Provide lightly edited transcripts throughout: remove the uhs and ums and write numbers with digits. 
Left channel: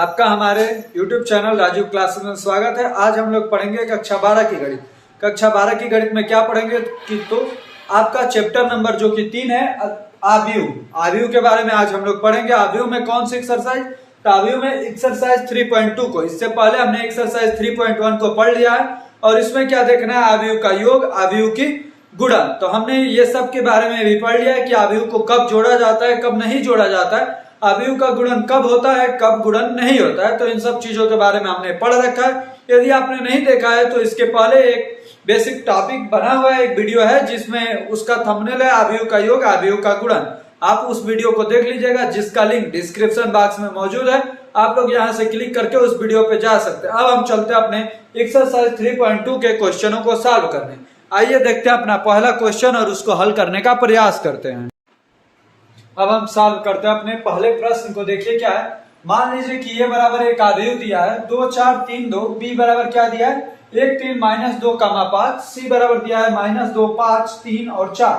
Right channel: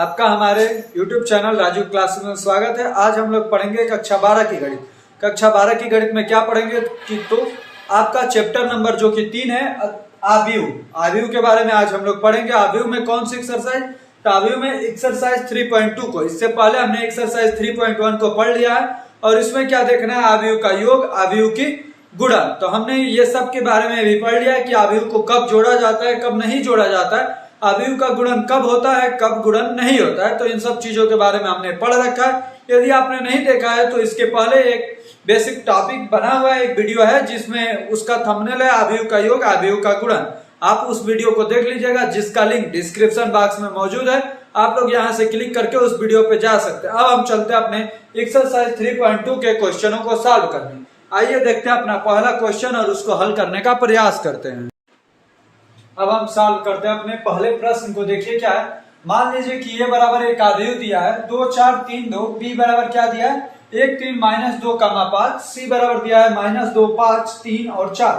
आपका हमारे YouTube channel Raju class में स्वागत है। आज हम लोग पढ़ेंगे कक्षा 12 की गणित। कक्षा 12 की गणित में क्या पढ़ेंगे कि तो आपका चैप्टर नंबर जो कि 3 है आव्यूह के बारे में आज हम लोग पढ़ेंगे। आव्यूह में कौन सी एक्सरसाइज? तो आव्यूह में एक्सरसाइज 3.2 को, इससे पहले हमने एक्सरसाइज 3.1 को पढ़ लिया है और इसमें क्या देखना है? आव्यूह का योग, आव्यूह की गुणन। तो हमने ये सब के बारे में भी पढ़ लिया है कि आव्यूह को कब जोड़ा जाता है, कब नहीं जोड़ा जाता है, आव्यूह का गुणन कब होता है, कब गुणन नहीं होता है। तो इन सब चीजों के बारे में हमने पढ़ रखा है। यदि आपने नहीं देखा है तो इसके पहले एक बेसिक टॉपिक बना हुआ है, एक वीडियो है जिसमें उसका थंबनेल है आव्यूह का योग, आव्यूह का गुणन। आप उस वीडियो को देख लीजिएगा जिसका लिंक डिस्क्रिप्शन बॉक्स में मौजूद है। आप लोग यहाँ से क्लिक करके उस वीडियो पे जा सकते हैं। अब हम चलते हैं अपने एक्सरसाइज 3.2 के क्वेश्चनों को सॉल्व करने। आइए देखते हैं अपना पहला क्वेश्चन और उसको हल करने का प्रयास करते हैं। अब हम सॉल्व करते हैं अपने पहले प्रश्न को। देखिए क्या है, मान लीजिए कि ये बराबर एक आव्यूह दिया है 2 4 3 2, बी बराबर क्या दिया है 1 3 -2, 5, सी बराबर दिया है -2 5 3 और 4।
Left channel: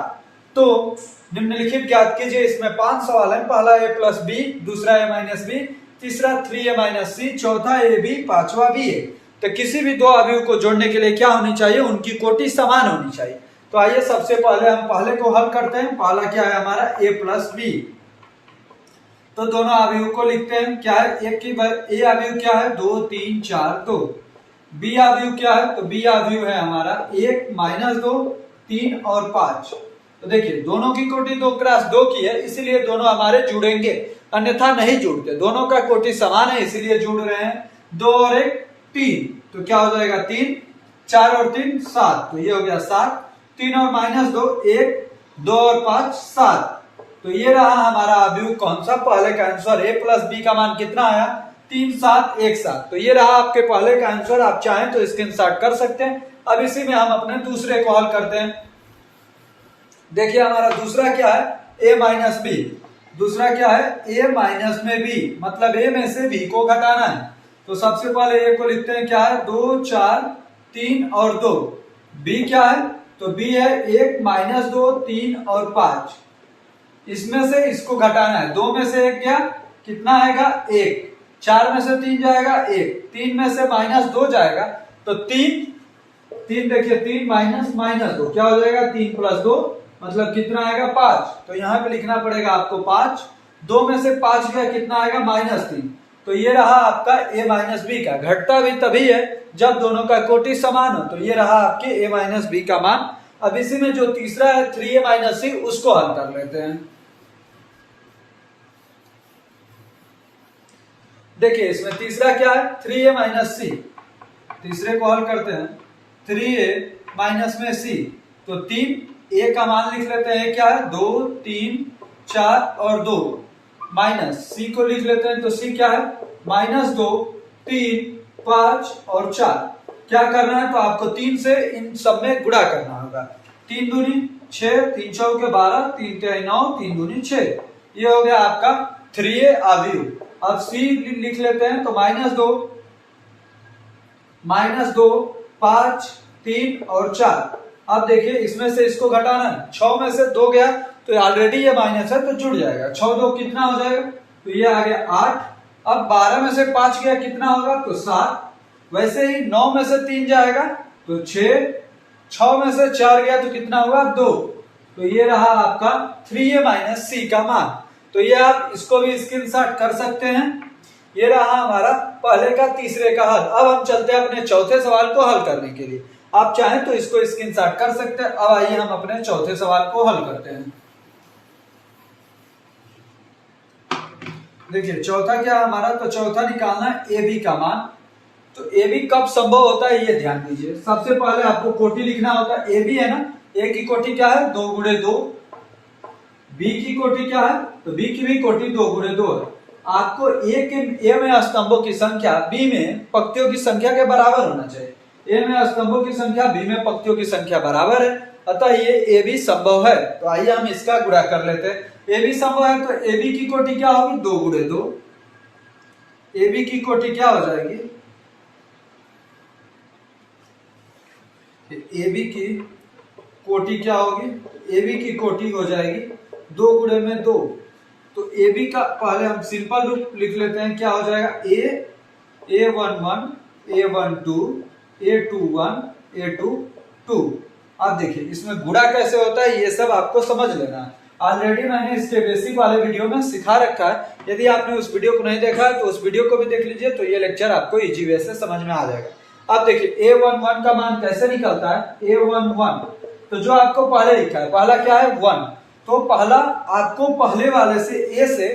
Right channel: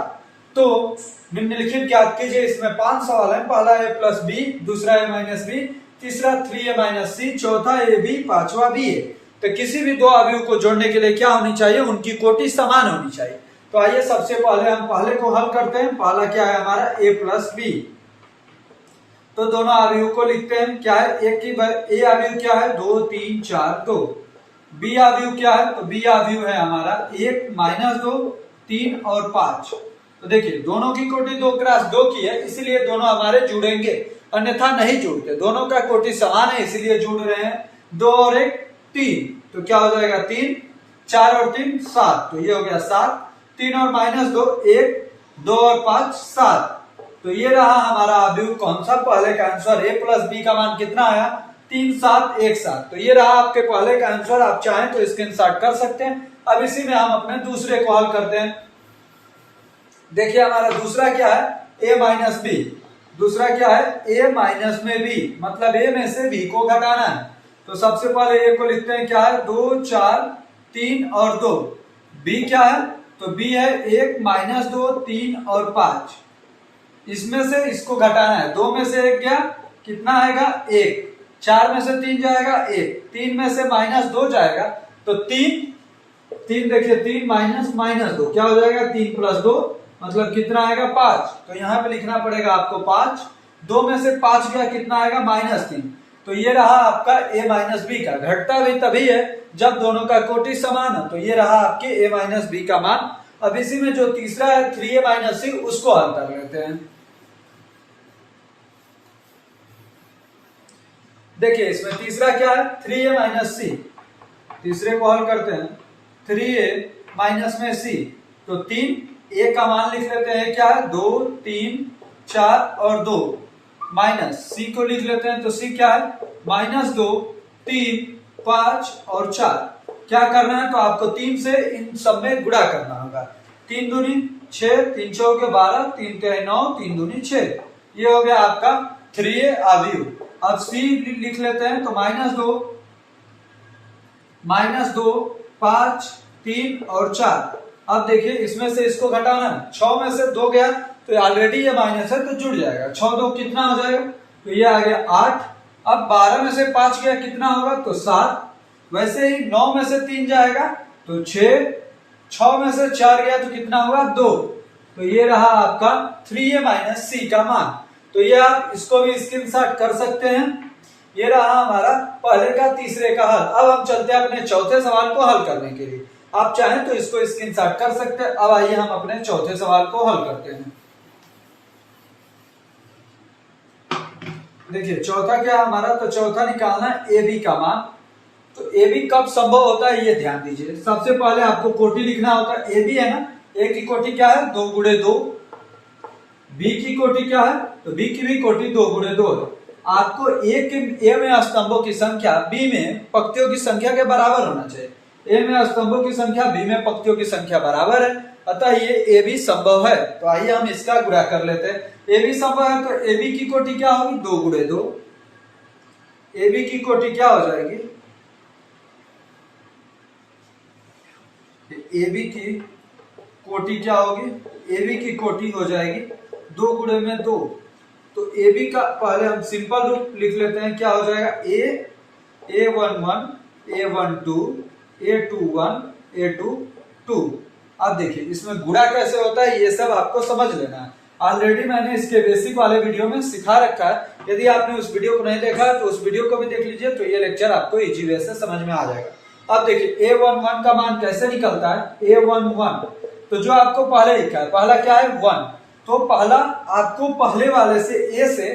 तो निम्नलिखित ज्ञात कीजिए। इसमें 5 सवाल है। पहला a प्लस बी, दूसरा a माइनस बी, तीसरा 3a माइनस सी, चौथा ए बी, पांचवा बी ए। तो किसी भी दो आव्यूह को जोड़ने के लिए क्या होनी चाहिए? उनकी कोटि समान होनी चाहिए। तो आइए सबसे पहले हम पहले को हल करते हैं। पहला क्या है हमारा a प्लस बी। तो दोनों आव्यूह को लिखते हैं। क्या है? एक की a आव्यूह क्या है 2 3 4 2। b आव्यूह क्या है? तो b आव्यूह है हमारा 1 -2 3 और 5। तो देखिए दोनों की कोटि 2 क्रॉस 2 की है, इसलिए दोनों हमारे जुड़ेंगे, अन्यथा नहीं जुड़ते। दोनों का कोटि समान है इसलिए जुड़ रहे हैं। 2 और 1 3, तो क्या हो जाएगा 3, 4 और 3 7, तो ये हो गया 7। 3 और -2 1, 2 और 5 7। तो ये रहा हमारा आव्यूह कौन सा? पहले का आंसर। a प्लस बी का मान कितना आया? 3 7 1 7। तो ये रहा आपके पहले का आंसर। आप चाहें तो स्क्रीनशॉट कर सकते हैं। अब इसी में हम अपने दूसरे को हल करते हैं। देखिए हमारा दूसरा क्या है? a minus B. दूसरा क्या है? a माइनस में b, मतलब a में से b को घटाना है। तो सबसे पहले a को लिखते हैं। क्या है? 2 4 3 और 2। b क्या है? तो b है 1 -2 3 और 5। इसमें से इसको घटाना है। 2 में से 1 गया, कितना आएगा 1। 4 में से 3 जाएगा 1, 3 में से -2 जाएगा तो 3 देखिए 3 -2 क्या हो जाएगा 3 + 2, मतलब कितना आएगा 5। तो यहाँ पे लिखना पड़ेगा आपको 5। 2 में से 5 गया, कितना आएगा -3। तो ये रहा आपका a माइनस बी का। घटता भी तभी है जब दोनों का कोटि समान हो। तो ये रहा आपके a माइनस बी का मान। अब इसी में जो तीसरा है 3a माइनस सी, उसको हल कर लेते हैं। देखिए इसमें तीसरा क्या है? 3a माइनस सी। तीसरे को हल करते हैं। 3a माइनस में सी, तो 3 a का मान लिख लेते हैं। क्या है? 2 3 4 और 2, माइनस सी को लिख लेते हैं। तो सी क्या है? -2 3 5 और 4। क्या करना है? तो आपको 3 से इन सब में गुणा करना होगा। 3 दूनी 6, 3 चौके 12, 3 तिहाई 9, 3 दूनी 6। ये हो गया आपका 3a आव्यूह। अब c लिख लेते हैं। तो -2 5 3 और 4। अब देखिए इसमें से इसको घटाना है। 6 में से 2 गया, तो ऑलरेडी ये माइनस है तो जुड़ जाएगा। 6 2 कितना हो जाएगा? तो ये आ गया 8। अब 12 में से 5 गया, कितना होगा? तो 7। वैसे ही 9 में से 3 जाएगा तो 6। 6 में से 4 गया तो कितना होगा? 2। तो ये रहा आपका 3a माइनस सी का मान। तो ये आप इसको भी स्क्रीनशॉट कर सकते हैं। ये रहा हमारा पहले का तीसरे का हल। अब हम चलते हैं अपने चौथे सवाल को हल करने के लिए। आप चाहें तो इसको स्क्रीनशॉट कर सकते हैं। अब आइए हम अपने चौथे सवाल को हल करते हैं। देखिए चौथा क्या है हमारा? तो चौथा निकालना है ए बी का मान। तो ए बी कब संभव होता है ये ध्यान दीजिए। सबसे पहले आपको कोटि लिखना होता है। ए बी है ना, ए की कोटि क्या है? 2 × 2। बी की कोटि क्या है? तो बी की भी कोटि 2 × 2 है। आपको ए में स्तंभों की संख्या बी में पंक्तियों की संख्या के बराबर होना चाहिए। ए में स्तंभों की संख्या बी में पंक्तियों की संख्या बराबर है, अतः ये ए बी संभव है। तो आइए हम इसका गुणा कर लेते हैं। ए बी संभव है तो ए बी की कोटि क्या होगी? 2 × 2। ए बी की कोटि क्या हो जाएगी? ए बी की कोटि क्या होगी? ए बी की कोटि हो जाएगी 2 × 2, तो ए बी का पहले हम सिंपल रूप लिख लेते हैं, क्या हो जाएगा, A11 A12 A21 A22। अब देखिए इसमें गुणा कैसे होता है ये सब आपको समझ लेना है। ऑलरेडी मैंने इसके बेसिक वाले वीडियो में सिखा रखा है, यदि आपने उस वीडियो को नहीं देखा है तो उस वीडियो को भी देख लीजिए, तो ये लेक्चर आपको इजी वे से समझ में आ जाएगा। अब देखिए A11 का मान कैसे निकलता है, A11 तो जो आपको पहले लिखा है, पहला क्या है 1, तो पहला आपको पहले वाले से ए से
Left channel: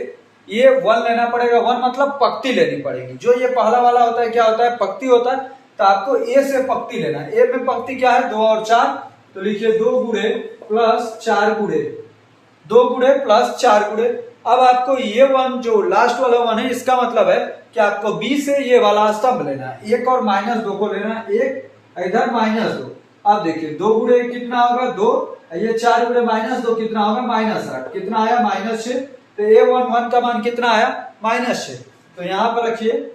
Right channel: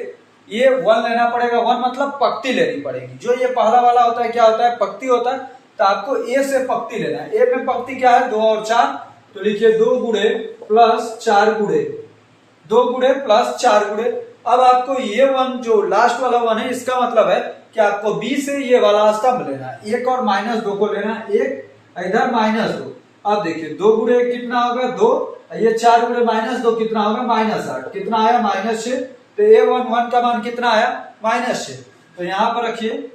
ये 1 लेना पड़ेगा। 1 मतलब पक्ति लेनी पड़ेगी। जो ये पहला वाला होता है क्या होता है, पक्ति होता है, तो आपको ए से पक्ति लेना है। ए में पक्ति क्या है, 2 और 4, तो लिखिए 2 गुणे प्लस 4 गुणे, 2 गुणे प्लस 4 गुणे। अब आपको ये 1 जो लास्ट वाला 1 है, इसका मतलब है कि आपको बी से ये वाला स्तंभ लेना है, 1 और -2 को लेना है, 1 इधर -2। अब देखिए 2 गुणे कितना होगा 2, ये 4 गुणे -2 कितना होगा -8, कितना आया -6। तो A11 का मान कितना आया -6, तो यहां पर रखिए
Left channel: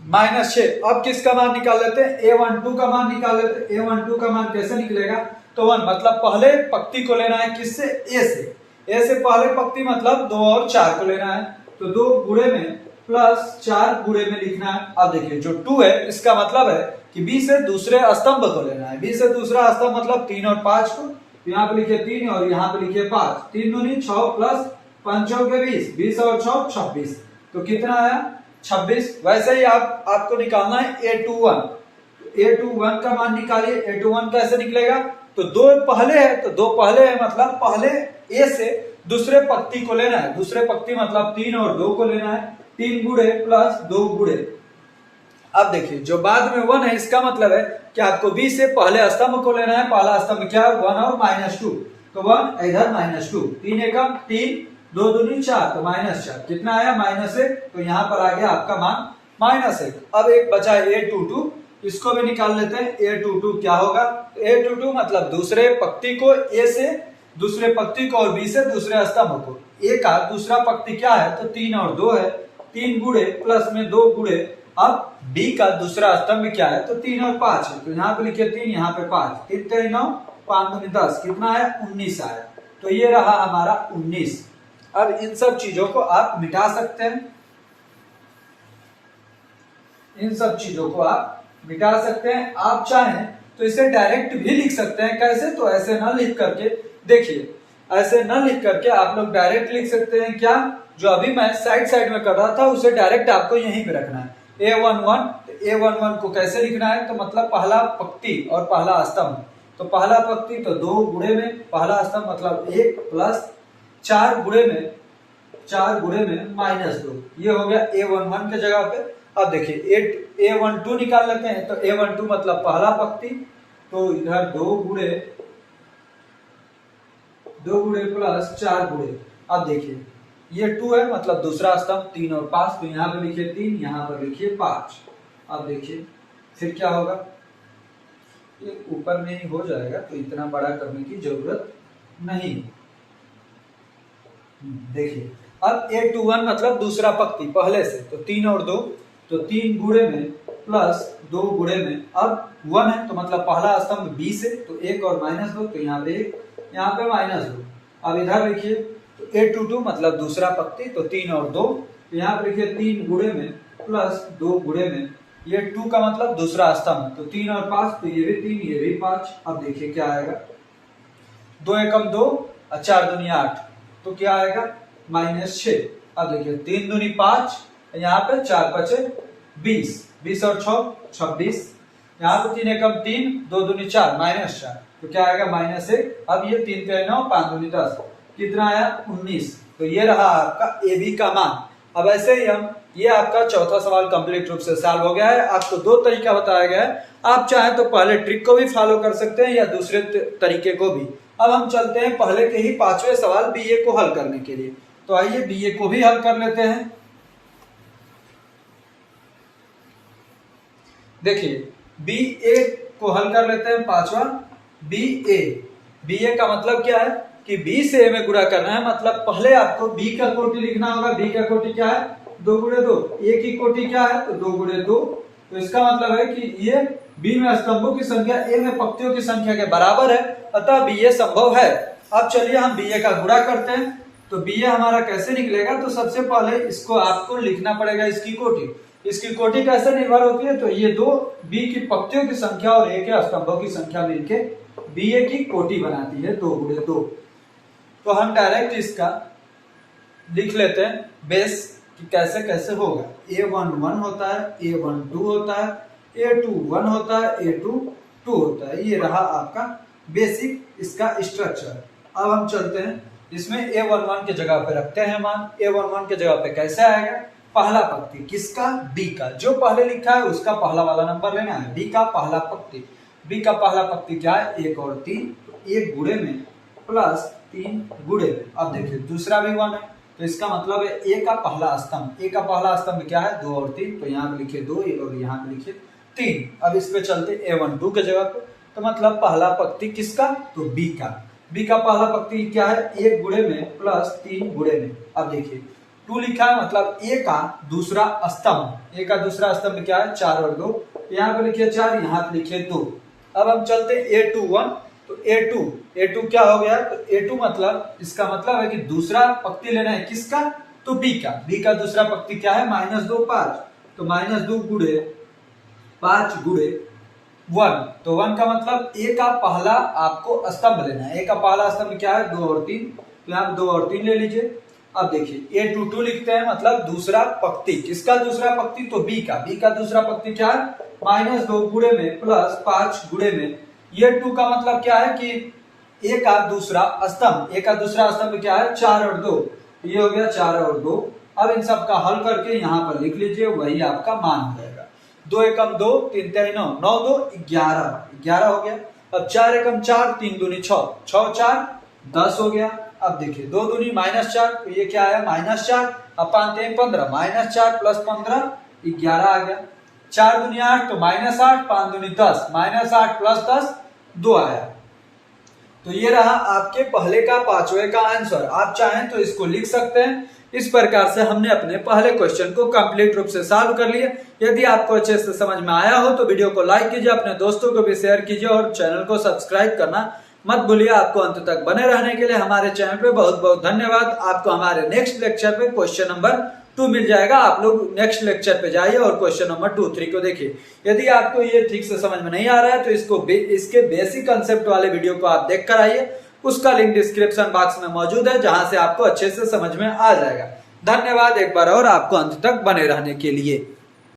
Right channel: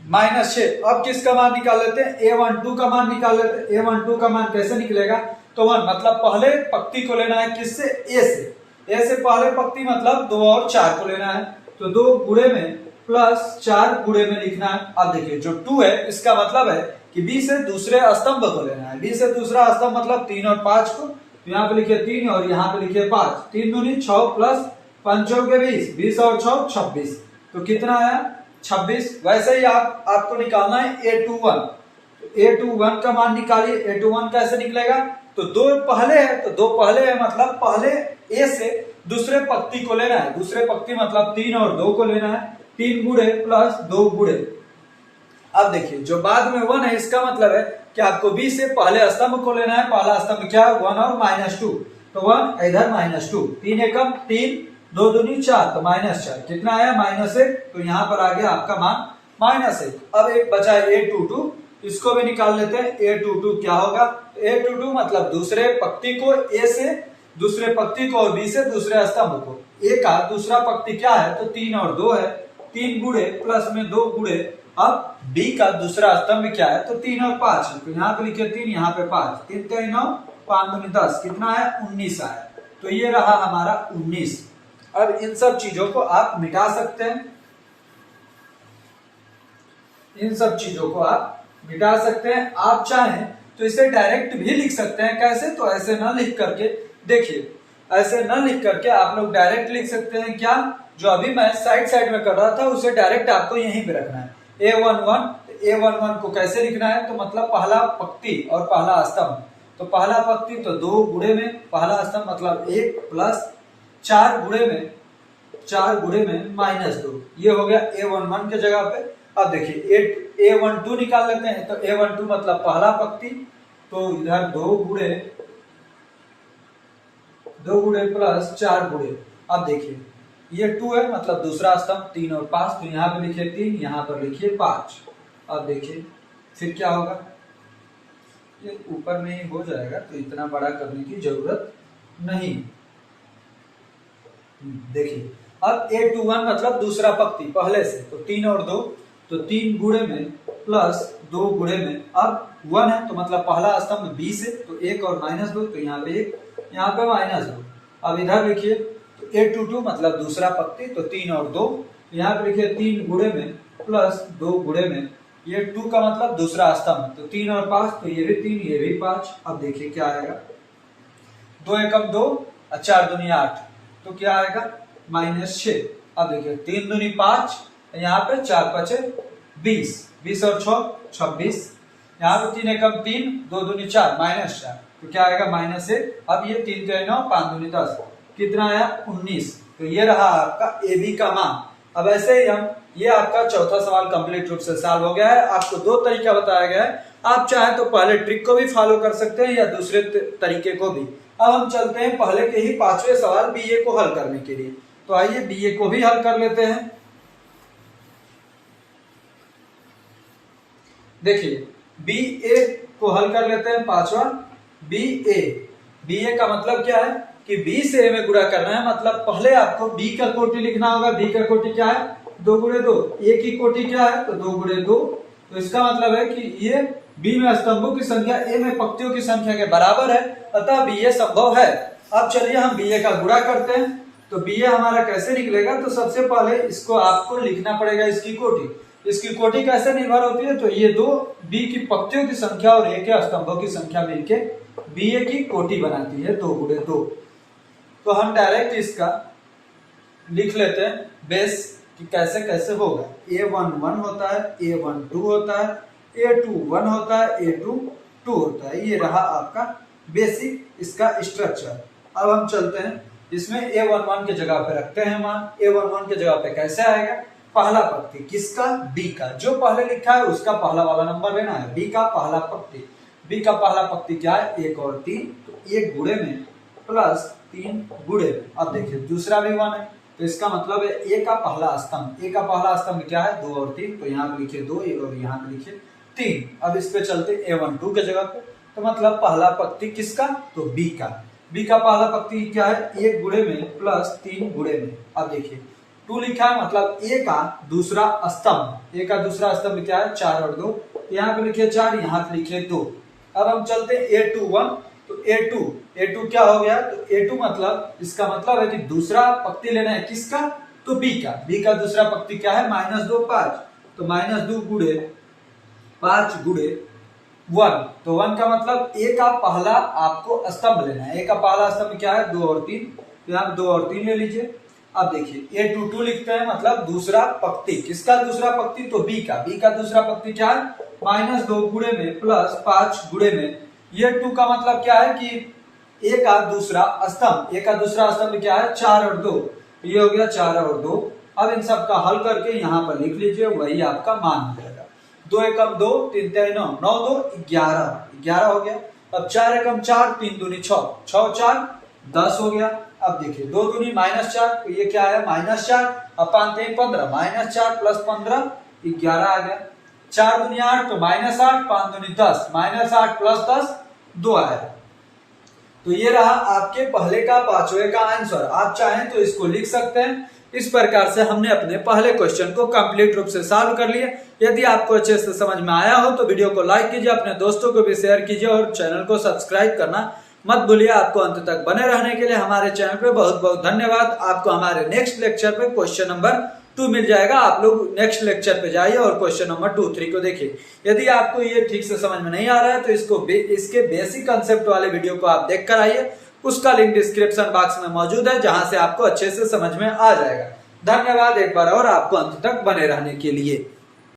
-6। अब किसका मान निकाल लेते हैं, A12 का मान निकाल लेते हैं। A12 का मान कैसे निकलेगा, तो 1 मतलब पहले पंक्ति को लेना है, किससे, ए से। ए से पहले पंक्ति मतलब 2 और 4 को लेना है, तो 2 गुणे में प्लस 4 गुणे में लिखना है। अब देखिए जो 2 है इसका मतलब है कि बी से दूसरे स्तंभ को लेना है। बी से दूसरा स्तंभ मतलब 3 और 5 को, तो यहाँ पे लिखिए 3 और यहाँ पे लिखिए 5, 3 दूनी 6 प्लस 5 चौके 20, 20 और 6 26, तो कितना आया 26। वैसे ही आपको निकालना है A21, A21 का मान निकालिए। A21 कैसे निकलेगा, तो 2 पहले है, तो 2 पहले है मतलब पहले ए से दूसरे पंक्ति को लेना है। दूसरे पंक्ति मतलब 3 और 2 को लेना है, 3 गुणे प्लस 2 गुणे। अब देखिए जो बाद में 1 है, इसका मतलब है कि आपको बी से पहले स्तंभ को लेना है। पहला स्तंभ क्या है, 1 और -2, तो 1 इधर -2, 3 एकम 3, 2 दूनी 4, तो -4, कितना आया -1, तो यहाँ पर आ गया आपका मान -1। अब एक बचा A22, इसको भी निकाल लेते हैं। A22 क्या होगा, A22 मतलब दूसरे पंक्ति को, ए से दूसरे पंक्ति को और बी से दूसरे स्तंभ को। ए का दूसरा पंक्ति क्या है, तो 3 और 2 है, 3 गुणे प्लस में 2 गुणे। अब बी का दूसरा स्तंभ क्या है, तो 3 और 5 है, तो यहाँ पे लिखिए 3, यहाँ पे 5, 3 3 9, 5 दूनी 10, कितना आया 19 आया, तो ये रहा हमारा 19। अब इन सब चीजों को आप मिटा सकते हैं, इन सब चीजों को आप मिटा सकते हैं। आप चाहें तो इसे डायरेक्ट भी लिख सकते हैं। कैसे, तो ऐसे ना लिख करके, देखिए ऐसे ना लिख करके आप लोग डायरेक्ट लिख सकते हैं। क्या, जो अभी मैं साइड में कर रहा था उसे डायरेक्ट आपको यहीं पे रखना है। A11, A11 को कैसे लिखना है, तो मतलब पहला पंक्ति और पहला स्तंभ, तो पहला पंक्ति तो 2 गुणे में, पहला स्तंभ मतलब 1 प्लस 4 गुणे में -2, ये हो गया A11 के जगह पे। अब देखिए A12 निकाल लेते हैं, तो A12 मतलब पहला पंक्ति, तो इधर 2 गुणे प्लस 4 गुणे। अब देखिए ये 2 है मतलब दूसरा स्तंभ, 3 और 5, तो यहाँ पे लिखिए 3, यहाँ पर लिखिए 5। अब देखिए फिर क्या होगा, ये ऊपर में ही हो जाएगा, तो इतना बड़ा करने की जरूरत नहीं। देखिए अब A21 मतलब दूसरा पंक्ति पहले से, तो 3 और 2, तो 3 गुणे में प्लस 2 गुणे में। अब 1 है तो मतलब पहला स्तंभ बी से, तो 1 और -2, तो यहाँ पे 1, यहाँ पे -2। अब इधर लिखिए तो A22 मतलब दूसरा पंक्ति, तो 3 और 2, तो यहाँ पे लिखिए 3 गुणे में प्लस 2 गुणे में। ये 2 का मतलब दूसरा स्तंभ, तो 3 और 5, तो ये भी 3, ये भी 5। अब देखिए क्या आएगा, 2 एकम 2 और 4 दूनी 8, तो क्या आएगा -6। अब देखिए 3 दूनी 5, यहाँ पे 4 5 20, 20 और 6 26, यहाँ पे 3 एकम 3, 2 दूनी 4, -4, तो क्या आएगा -1। अब ये 3 के 9, 5 दूनी 10, कितना आया 19। तो ये रहा आपका ए बी का मान। अब ऐसे ही हम, ये आपका चौथा सवाल कंप्लीट रूप से सॉल्व हो गया है। आपको 2 तरीका बताया गया है, आप चाहें तो पहले ट्रिक को भी फॉलो कर सकते हैं या दूसरे तरीके को भी। अब हम चलते हैं पहले के ही 5वें सवाल बीए को हल करने के लिए, तो आइए बीए को भी हल कर लेते हैं। देखिए बीए को हल कर लेते हैं, 5वां बीए का मतलब क्या है कि बी से ए में गुणा करना है। मतलब पहले आपको बी का कोटि लिखना होगा। बी का कोटि क्या है, 2 गुणे 2। ए की कोटि क्या है, तो 2 गुणे 2। तो इसका मतलब है कि ये बी में स्तंभों की संख्या ए में पंक्तियों की संख्या के बराबर है, अतः बीए संभव है। अब चलिए हम बीए का गुणा करते हैं। तो बी ए हमारा कैसे निकलेगा, तो सबसे पहले इसको आपको लिखना पड़ेगा इसकी कोटि। इसकी कोटि कैसे निर्भर होती है, तो ये दो बी की पंक्तियों की संख्या और ए के स्तंभों की संख्या मिलके बी ए की कोटि बनाती है, 2 गुणे 2। तो हम डायरेक्ट इसका लिख लेते हैं बेस कि कैसे कैसे होगा। A11 होता है, A12 होता है, A21 होता है, A22 होता है। ये रहा आपका बेसिक इसका स्ट्रक्चर। अब हम चलते हैं इसमें A11 के जगह पे रखते हैं मान। A11 के जगह पे कैसे आएगा, पहला पंक्ति किसका, बी का। जो पहले लिखा है उसका पहला वाला नंबर लेना है, बी का पहला पंक्ति। बी का पहला पंक्ति क्या है, 1 और 3, तो 1 गुणे में प्लस 3 गुणे में। अब देखिए दूसरा भी 1 है, तो इसका मतलब है ए का पहला स्तंभ। ए का पहला स्तंभ क्या है, 2 और 3, तो यहाँ पे लिखिए 2 और यहाँ पे लिखिए 3। अब इस पे चलते A12 के जगह पे, तो मतलब पहला पंक्ति किसका, तो बी का। बी का पहला पंक्ति क्या है, 1 गुणे में प्लस 3 गुणे में। अब देखिए 2 लिखा है, मतलब ए का दूसरा स्तंभ। ए का दूसरा स्तंभ क्या है, 4 और 2, तो यहाँ पे लिखिए 4, यहाँ पे लिखिए 2। अब हम चलते A21, तो A2 क्या हो गया, तो A2 मतलब इसका मतलब है कि दूसरा पंक्ति लेना है किसका, तो बी का। बी का दूसरा पंक्ति क्या है, -2 5, तो -2 गुणे 5 गुणे 1, तो 1 का मतलब ए का पहला आपको स्तंभ लेना है। ए का पहला स्तंभ क्या है, 2 और 3, तो यहाँ 2 और 3 ले लीजिए। अब देखिए A22 लिखते हैं, मतलब दूसरा पंक्ति। किसका दूसरा पंक्ति, तो बी का। बी का दूसरा पंक्ति क्या है, -2 गुणे में प्लस 5 गुणे में। ये 2 का मतलब क्या है कि ए का दूसरा स्तंभ। ए का दूसरा स्तंभ क्या है, 4 और 2, ये हो गया 4 और 2। अब इन सब का हल करके यहाँ पर लिख लीजिए, वही आपका मान हो जाएगा। 2 एकम 2, 3 3 9, 9 2 11 हो गया। अब 4 एकम 4, 3 दूनी 6, 6 4 10 हो गया। अब देखिए 2 दूनी -4, तो ये क्या है, -4। अब 5 3 15, -4 प्लस 15 11 आ गया। 4 दूनी 8, तो -8, 5 दूनी 10, -8 प्लस 10 2 आया। तो ये रहा आपके पहले का पांचवे का आंसर। आप चाहें तो इसको लिख सकते हैं। इस प्रकार से हमने अपने पहले क्वेश्चन को कंप्लीट रूप से सॉल्व कर लिया। यदि आपको अच्छे से समझ में आया हो तो वीडियो को लाइक कीजिए, अपने दोस्तों को भी शेयर कीजिए और चैनल को सब्सक्राइब करना मत भूलिए। आपको अंत तक बने रहने के लिए हमारे चैनल पे बहुत बहुत धन्यवाद। आपको हमारे नेक्स्ट लेक्चर पे क्वेश्चन नंबर 2 मिल जाएगा। आप लोग नेक्स्ट लेक्चर पे जाइए और क्वेश्चन नंबर 2 3 को देखिए। यदि आपको ये ठीक से समझ में नहीं आ रहा है तो इसके बेसिक कंसेप्ट वाले वीडियो को आप देख कर आइए। उसका लिंक डिस्क्रिप्शन बॉक्स में मौजूद है, जहां से आपको अच्छे से समझ में आ जाएगा। धन्यवाद एक बार और आपको अंत तक बने रहने के लिए।